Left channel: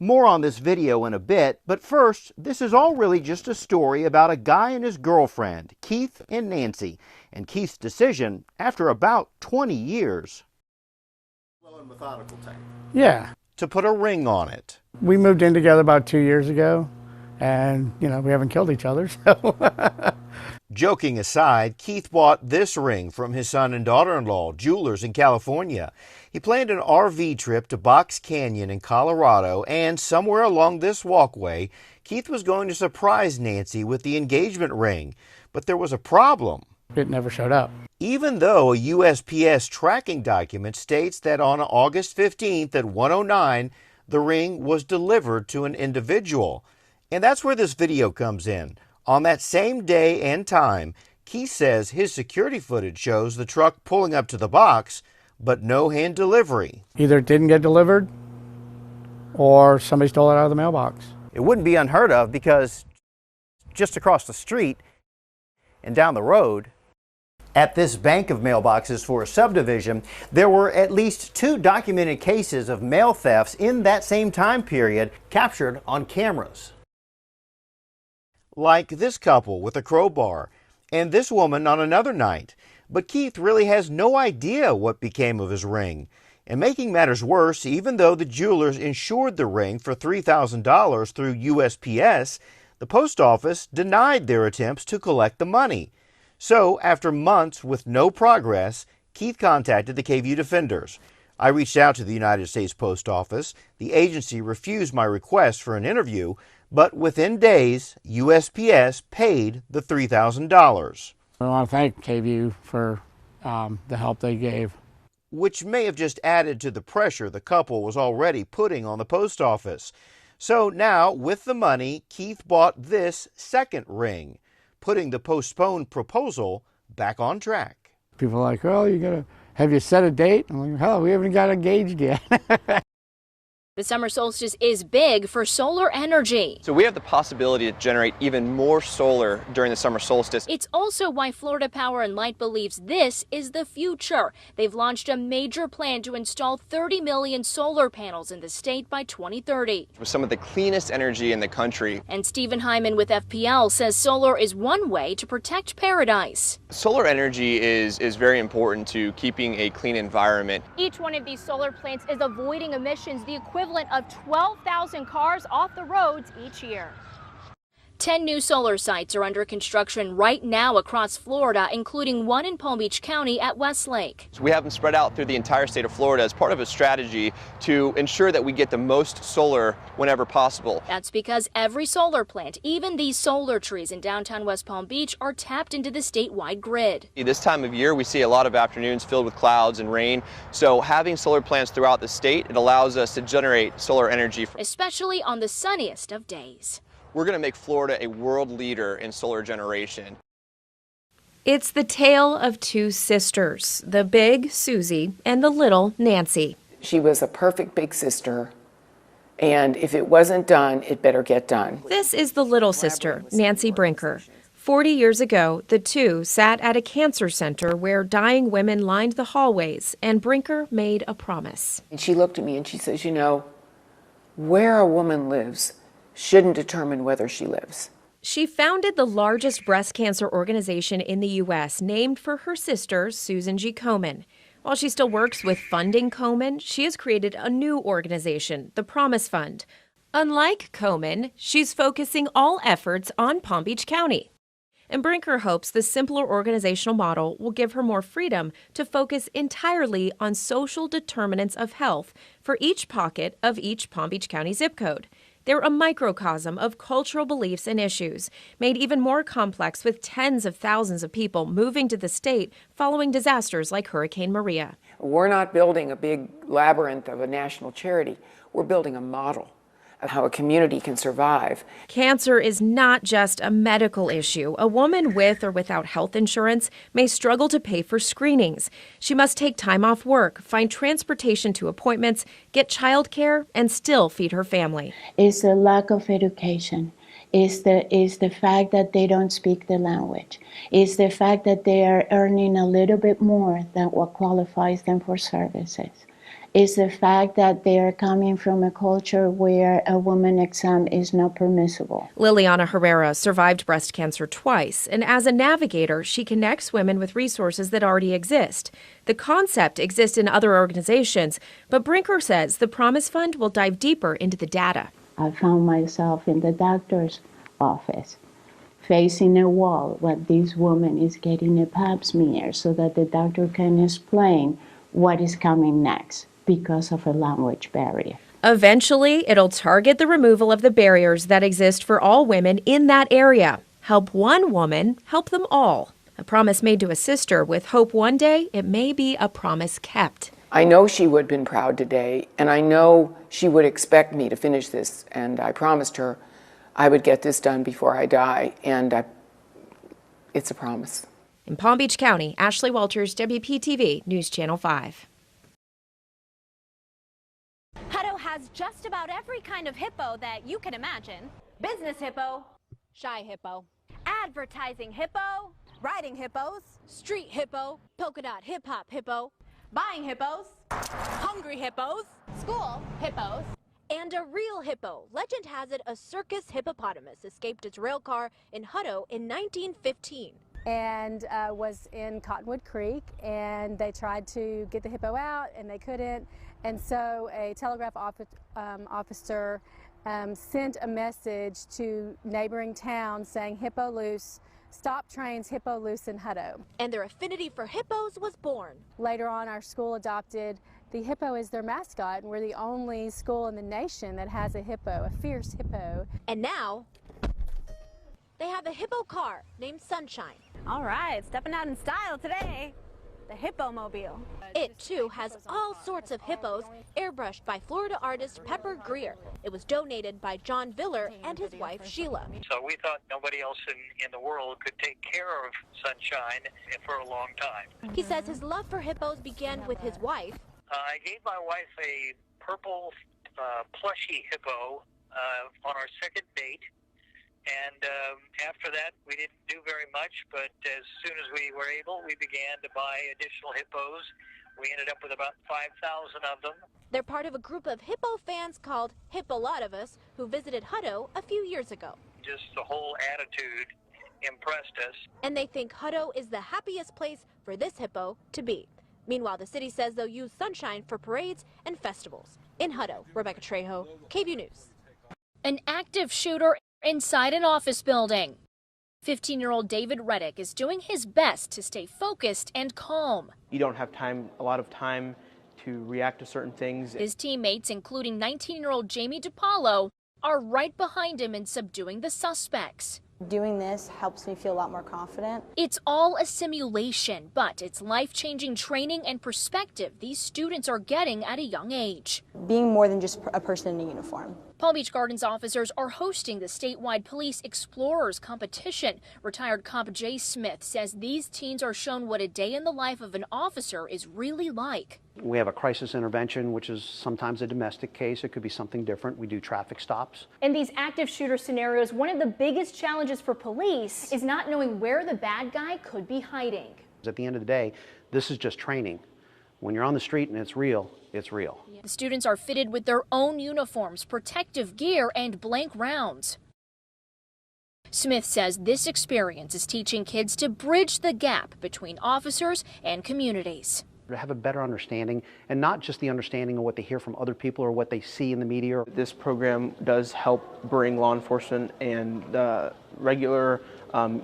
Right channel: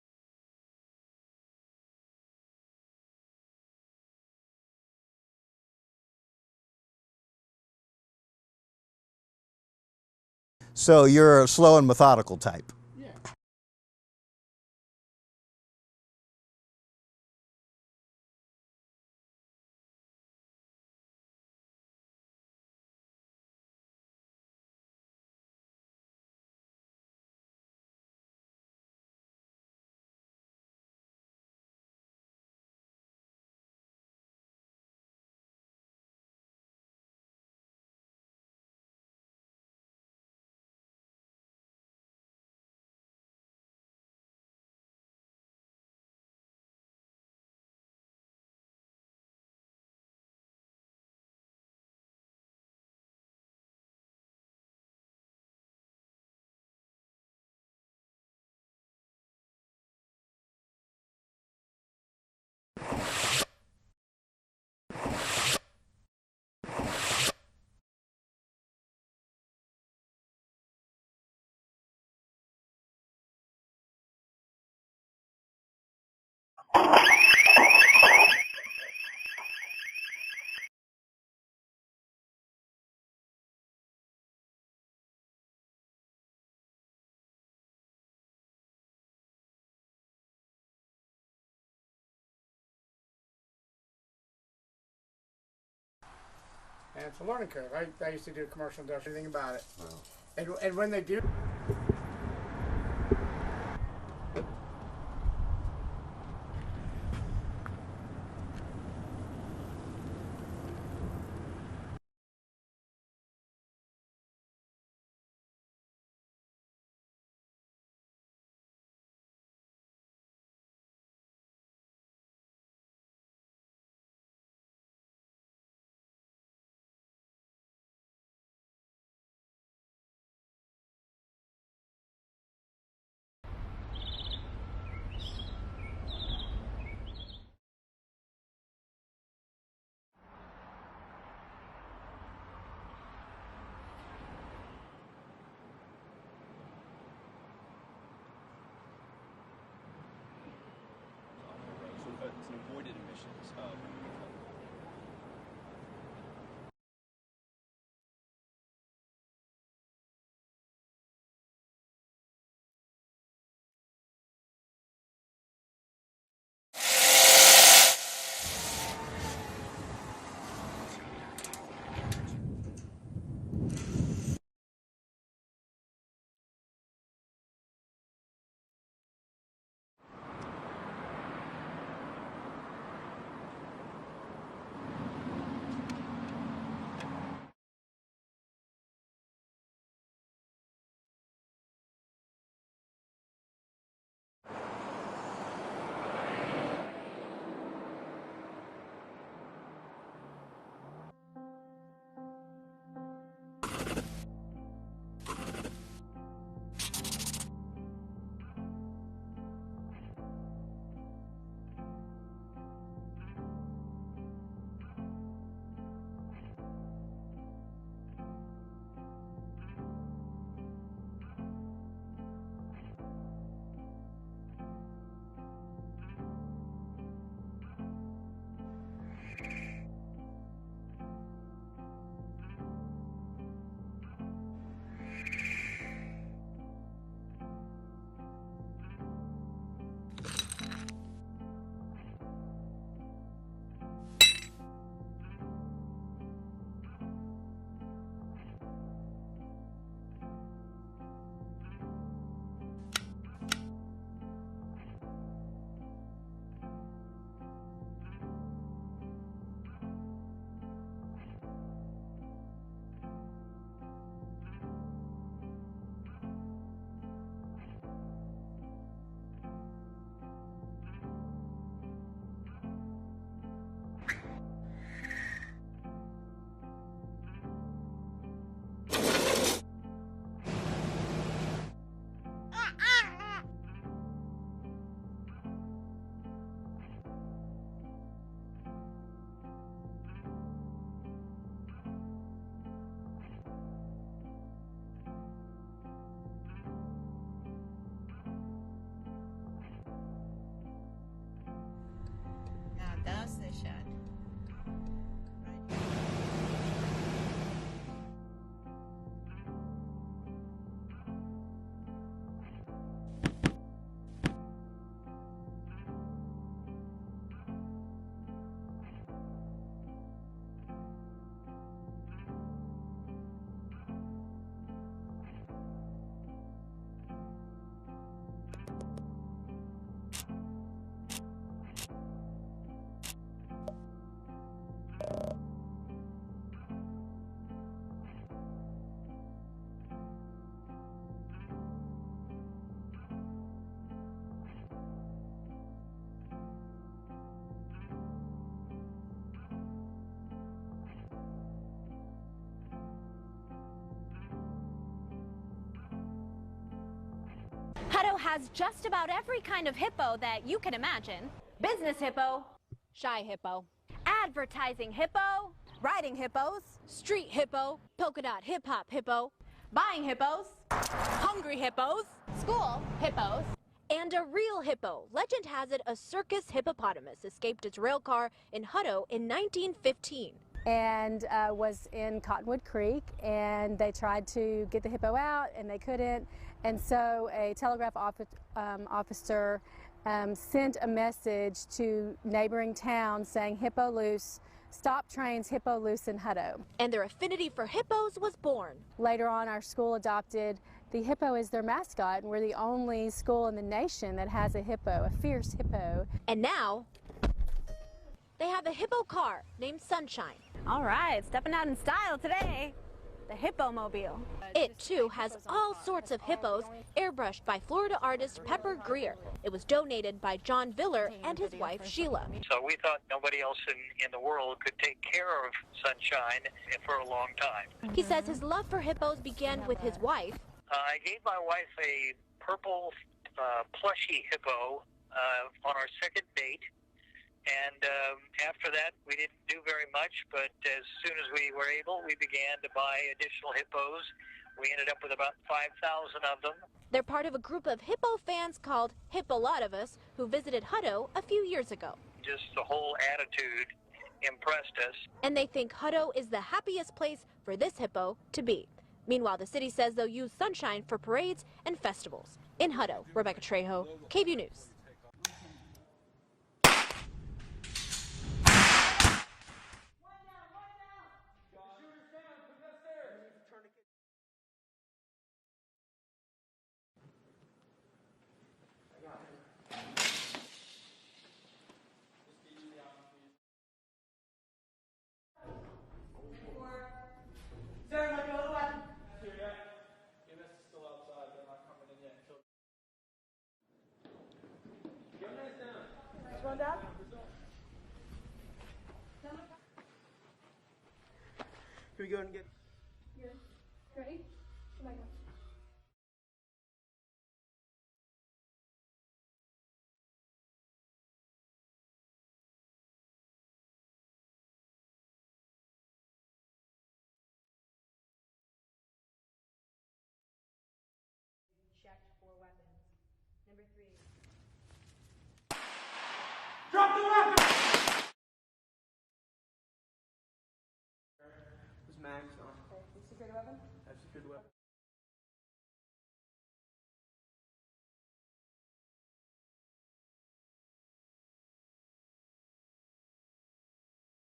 More on this video in a bit, but first, this is all really just a story about a guy and his girlfriend, Keith and Nancy, and Keith's decision after about 20 years. So you're a slow and methodical type? Yeah. To put a ring on it. We moved in together about 2 years ago, and, we haven't killed each other, so. Joking aside, Keith bought this ring from his son and daughter-in-law, jewelers in California. He planned an RV trip to Box Canyon in Colorado, and somewhere along this walkway, Keith was going to surprise Nancy with the engagement ring. But there was a problem. It never showed up. Even though a USPS tracking document states that on August 15th at 1:09, the ring was delivered to an individual. And that's where this video comes in. On that same day and time, Keith says his security footage shows the truck pulling up to the box, but no hand delivery. Either it didn't get delivered, or somebody stole it out of the mailbox. It wouldn't be unheard of because just across the street and down the road, at this bank of mailboxes for a subdivision, there were at least 2 documented cases of mail thefts in that same time period captured on cameras. Like this couple with a crowbar, and this woman on another night. But Keith really has no idea what became of his ring. And making matters worse, even though the jewelers insured the ring for $3,000 through USPS, the post office denied their attempts to collect the money. So, after months with no progress, Keith contacted the KVU defenders. I reached out to the United States Post Office. The agency refused my request for an interview, but within days, USPS paid the $3,000. I want to thank KVU for the help they gave. Which may have just added to the pressure the couple was already putting on the post office. So now, with the money, Keith bought this second ring, putting the postponed proposal back on track. People are like, oh, have you set a date? I'm like, hell, we haven't got engaged yet. The summer solstice is big for solar energy. So we have the possibility to generate even more solar during the summer solstice. It's also why Florida Power and Light believes this is the future. They've launched a major plan to install 30 million solar panels in the state by 2030. With some of the cleanest energy in the country. And Stephen Hyman with FPL says solar is one way to protect paradise. Solar energy is very important to keeping a clean environment. Each one of these solar plants is avoiding emissions the equivalent of 12,000 cars off the roads each year. 10 new solar sites are under construction right now across Florida, including one in Palm Beach County at Westlake. We have them spread out through the entire state of Florida as part of a strategy to ensure that we get the most solar whenever possible. That's because every solar plant, even these solar trees in downtown West Palm Beach, are tapped into the statewide grid. This time of year, we see a lot of afternoons filled with clouds and rain. So having solar plants throughout the state, it allows us to generate solar energy. Especially on the sunniest of days. We're going to make Florida a world leader in solar generation. It's the tale of 2 sisters, the big Susie and the little Nancy. She was a perfect big sister, and if it wasn't done, it better get done. This is the little sister, Nancy Brinker. 40 years ago, the two sat at a cancer center where dying women lined the hallways, and Brinker made a promise. And she looked at me and she says, where a woman lives shouldn't determine whether she lives. She founded the largest breast cancer organization in the U.S., named for her sister, Susan G. Komen. While she still works with funding Komen, she has created a new organization, the Promise Fund. Unlike Komen, she's focusing all efforts on Palm Beach County. And Brinker hopes the simpler organizational model will give her more freedom to focus entirely on social determinants of health for each pocket of each Palm Beach County zip code. They're a microcosm of cultural beliefs and issues, made even more complex with tens of thousands of people moving to the state following disasters like Hurricane Maria. We're not building a big labyrinth of a national charity. We're building a model of how a community can survive. Cancer is not just a medical issue. A woman with or without health insurance may struggle to pay for screenings. She must take time off work, find transportation to appointments, get child care, and still feed her family. It's the lack of education. It's the fact that they don't speak the language. It's the fact that they are earning a little bit more than what qualifies them for services. is the fact that they are coming from a culture where a woman exam is not permissible. Liliana Herrera survived breast cancer twice, and as a navigator, she connects women with resources that already exist. The concept exists in other organizations, but Brinker says the Promise Fund will dive deeper into the data. I found myself in the doctor's office, facing a wall while this woman is getting a pap smear so that the doctor can explain what is coming next because of a language barrier. Eventually, it'll target the removal of the barriers that exist for all women in that area. Help one woman, help them all. A promise made to a sister with hope one day it may be a promise kept. I know she would have been proud today, and I know she would expect me to finish this, and I promised her I would get this done before I die, and it's a promise. In Palm Beach County, Ashley Walters, WPTV News Channel 5. Hutto has just about every kind of hippo that you can imagine. Business hippo, shy hippo, advertising hippo, riding hippos, street hippo, polka dot hip hop hippo, buying hippos, hungry hippos, school hippos, and a real hippo. Legend has it a circus hippopotamus escaped its rail car in Hutto in 1915. And was in Cottonwood Creek, and they tried to get the hippo out and they couldn't, and so a telegraph officer sent a message to neighboring towns saying hippo loose, stop trains, hippo loose in Hutto. And their affinity for hippos was born. Later on, our school adopted the hippo as their mascot, and we're the only school in the nation that has a hippo, a fierce hippo. And now they have a hippo car named Sunshine. All right, stepping out in style today, the Hippomobile. It, too, has all sorts of hippos, airbrushed by Florida artist Pepper Greer. It was donated by John Viller and his wife, Sheila. So we thought nobody else in the world could take care of Sunshine for a long time. He says his love for hippos began with his wife. I gave my wife a purple plushy hippo on our second date. And after that, we didn't do very much, but as soon as we were able, we began to buy additional hippos. We ended up with about 5,000 of them. They're part of a group of hippo fans called Hippolotovus who visited Hutto a few years ago. Just the whole attitude impressed us. And they think Hutto is the happiest place for this hippo to be. Meanwhile, the city says they'll use Sunshine for parades and festivals. In Hutto, Rebecca Trejo, KVUE News. An active shooter inside an office building. 15-year-old David Reddick is doing his best to stay focused and calm. You don't have a lot of time to react to certain things. His teammates, including 19-year-old Jamie DiPaolo, are right behind him in subduing the suspects. Doing this helps me feel a lot more confident. It's all a simulation, but it's life-changing training and perspective these students are getting at a young age. Being more than just a person in a uniform. Palm Beach Gardens officers are hosting the statewide Police Explorers competition. Retired Cop Jay Smith says these teens are shown what a day in the life of an officer is really like. We have a crisis intervention, which is sometimes a domestic case. It could be something different. We do traffic stops. In these active shooter scenarios, one of the biggest challenges for police is not knowing where the bad guy could be hiding. At the end of the day, this is just training. When you're on the street and it's real, it's real. The students are fitted with their own uniforms, protective gear, and blank rounds. Smith says this experience is teaching kids to bridge the gap between officers and communities. To have a better understanding, and not just the understanding of what they hear from other people or what they see in the media. This program does help bring law enforcement and regular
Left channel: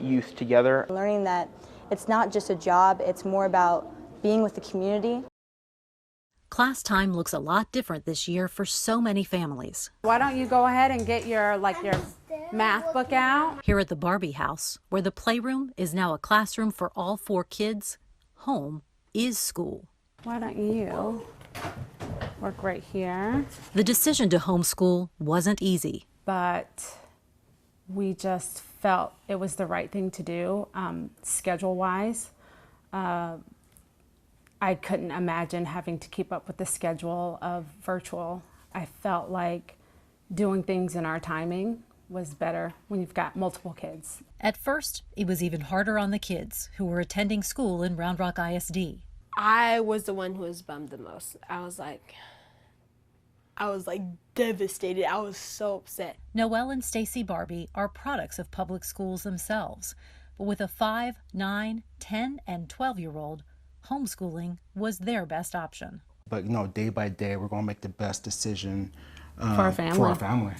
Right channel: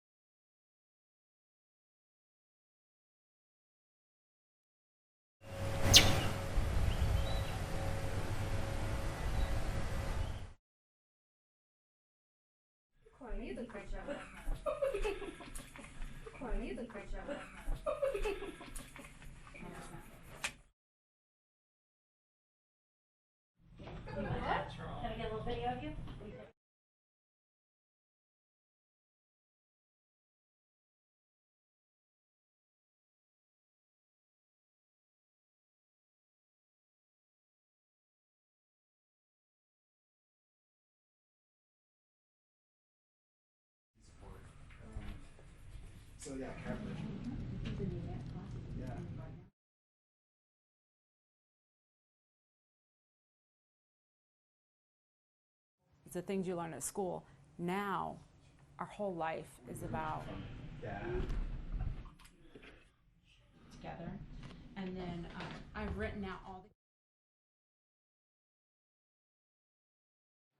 youth together. Learning that it's not just a job, it's more about being with the community. Class time looks a lot different this year for so many families. Why don't you go ahead and get your math book out? Here at the Barbie house, where the playroom is now a classroom for all 4 kids, home is school. Why don't you work right here? The decision to homeschool wasn't easy. But we just felt it was the right thing to do, schedule-wise. I couldn't imagine having to keep up with the schedule of virtual. I felt like doing things in our timing was better when you've got multiple kids. At first, it was even harder on the kids who were attending school in Round Rock ISD. I was the one who was bummed the most. I was like devastated. I was so upset. Noelle and Stacy Barbie are products of public schools themselves. But with a 5, 9, 10, and 12-year-old, homeschooling was their best option. But day by day, we're going to make the best decision for our family.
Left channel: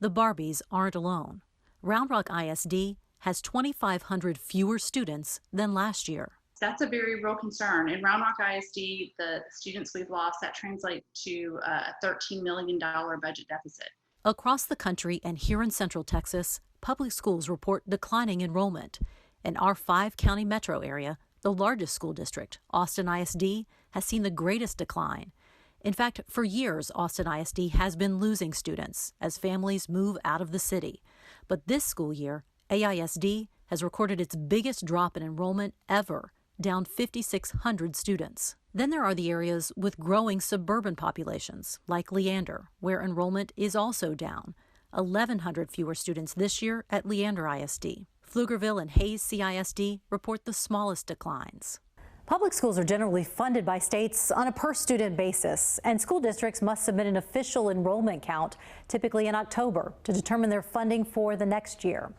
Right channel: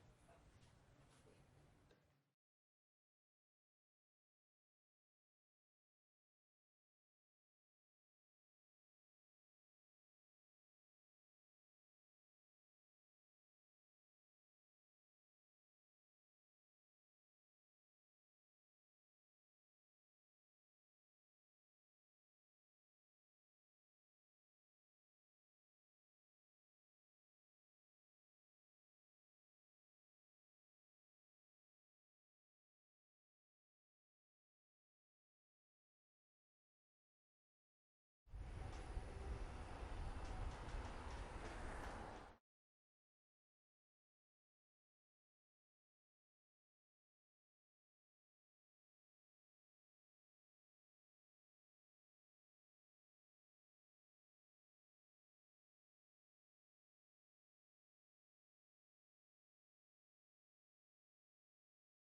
The Barbies aren't alone. Round Rock ISD has 2,500 fewer students than last year. That's a very real concern. In Round Rock ISD, the students we've lost, that translates to a $13 million budget deficit. Across the country and here in Central Texas, public schools report declining enrollment. In our 5-county metro area, the largest school district, Austin ISD, has seen the greatest decline. In fact, for years, Austin ISD has been losing students as families move out of the city. But this school year, AISD has recorded its biggest drop in enrollment ever, down 5,600 students. Then there are the areas with growing suburban populations, like Leander, where enrollment is also down. 1,100 fewer students this year at Leander ISD. Pflugerville and Hayes CISD report the smallest declines. Public schools are generally funded by states on a per-student basis, and school districts must submit an official enrollment count, typically in October, to determine their funding for the next year.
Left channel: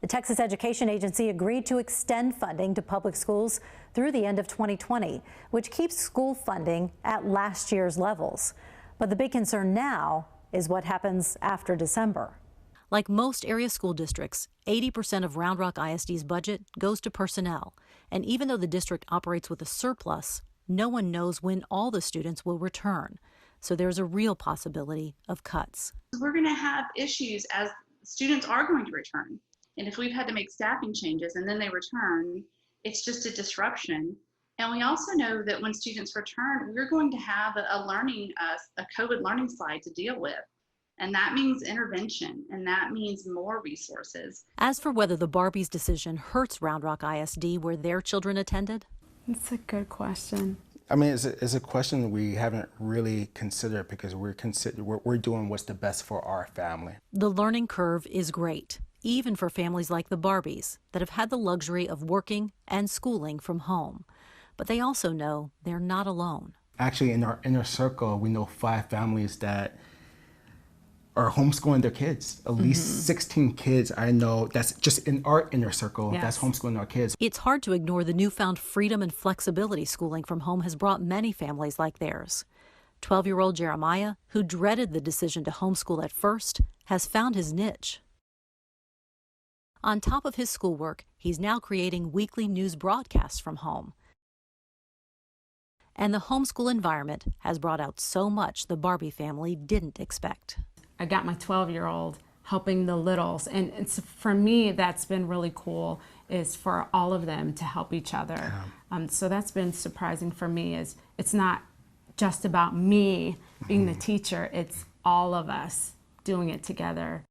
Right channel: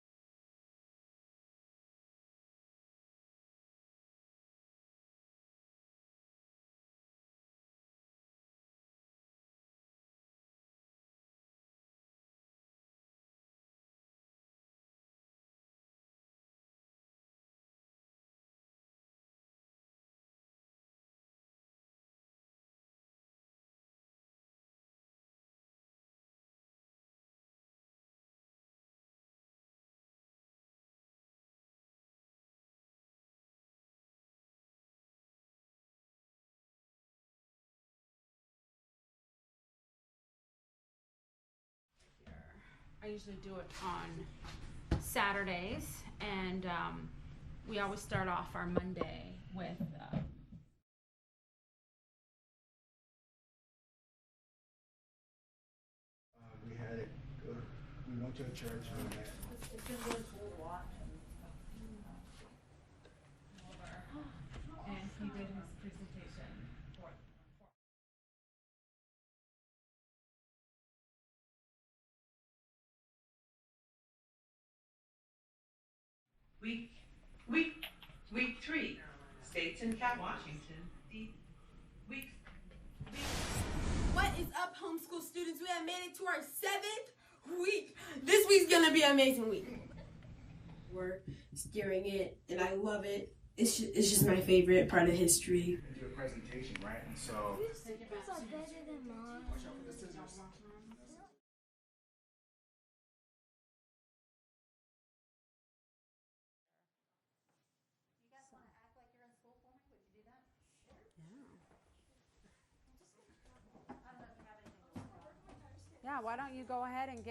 The Texas Education Agency agreed to extend funding to public schools through the end of 2020, which keeps school funding at last year's levels. But the big concern now is what happens after December. Like most area school districts, 80% of Round Rock ISD's budget goes to personnel. And even though the district operates with a surplus, no one knows when all the students will return. So there's a real possibility of cuts. We're going to have issues as students are going to return. And if we've had to make staffing changes and then they return, it's just a disruption. And we also know that when students return, we're going to have a COVID learning slide to deal with. And that means intervention, and that means more resources. As for whether the Barbies' decision hurts Round Rock ISD where their children attended, it's a good question. I mean, it's a question we haven't really considered because we're doing what's the best for our family. The learning curve is great, even for families like the Barbies that have had the luxury of working and schooling from home. But they also know they're not alone. Actually, in our inner circle, we know 5 families that are homeschooling their kids. At least 16 kids I know that's just in our inner circle that's homeschooling our kids. It's hard to ignore the newfound freedom and flexibility schooling from home has brought many families like theirs. 12-year-old Jeremiah, who dreaded the decision to homeschool at first, has found his niche. This week's gonna be an amazing week. On top of his schoolwork, he's now creating weekly news broadcasts from home. It's just my favorite part of history. And the homeschool environment has brought out so much the Barbie family didn't expect. I got my 12-year-old helping the littles, and it's, for me, that's been really cool, is for all of them to help each other. So that's been surprising for me, is it's not just about me being the teacher, it's all of us doing it together.